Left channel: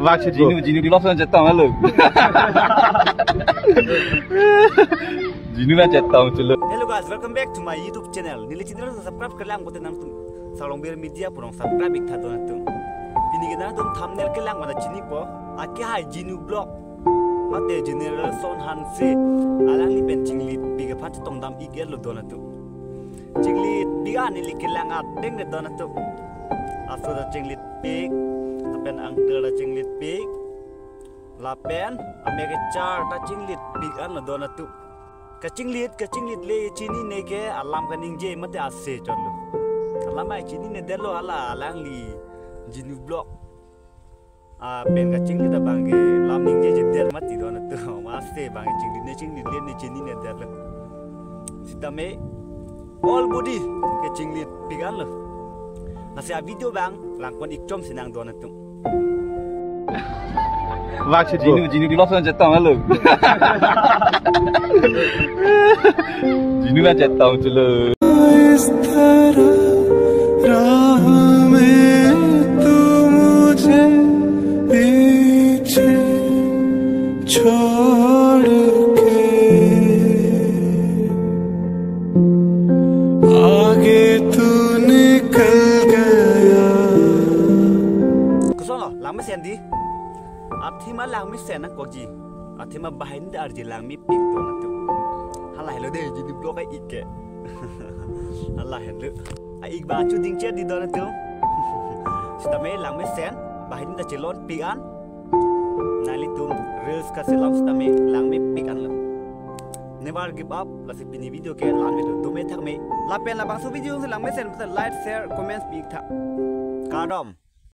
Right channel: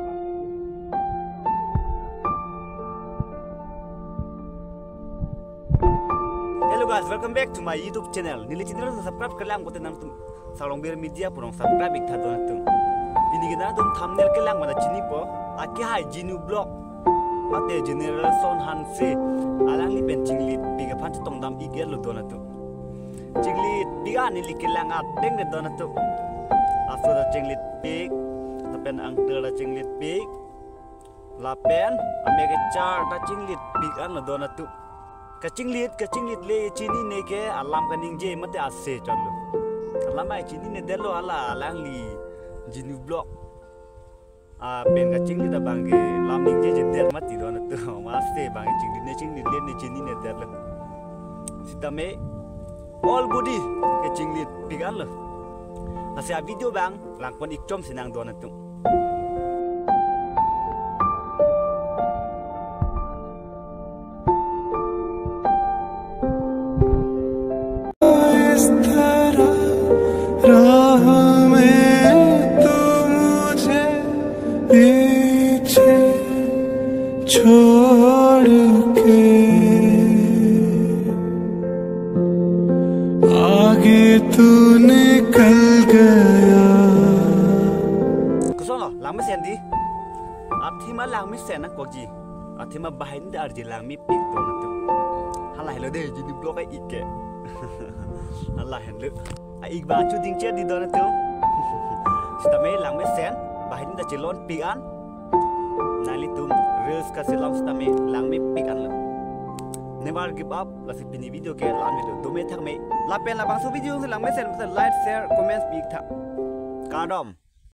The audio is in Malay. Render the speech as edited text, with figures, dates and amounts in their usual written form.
Vác Ginu di lobster jatuh malu. Ginu kan jatuh culu. Hello guys, welcome back to my YouTube channel. Nili channel subscribe kerlang bote nang tum. Salong bir media purong subscribe ikta don tum. Pini kita tum thumbnail kerlang mana cini po. Aki hai Ginu blog. Mate general son hanse. Alang li pen cinglit biga panci tong dam iger lo don tum. Cinglit biga nili kerlang at deng de don tum. Aso da cinglit pig. Lapen ang tera cinglit pig. Lapen amega char da cinglit pig an lo don tum. Kacinglit le cini ne ke alam kaning je mate ase chalo alam ai cini ne delo ala alang li Ginu blog pen kacinglit da bangge lam ning je der mati don to maste bangge cinglit le ne cini ne delo sitame all body ke cinglit pigan lo nasi video bang langpon ikcom sinang don to Vác Ginu di lobster jatuh malu. Ginu kan jatuh culu. इस तरह राह में तू मुझे पीछे छोड़ के आगे तू निकल गया Kusono lang mi sendi athima lang mi sen ko ji athima bahin da arji lang mi pik to na tu hala hello de Ginu blog ai ikke Allah hello ai ik ba chu ding che di do na tu stame lang mi sen bahin da chelon pik an nali tum reels ka selam stame lang mi pik an lo never give up la si pini video ke lan mi do me thak me la pen la bang so video lang mi sen like share comment pik tha kadom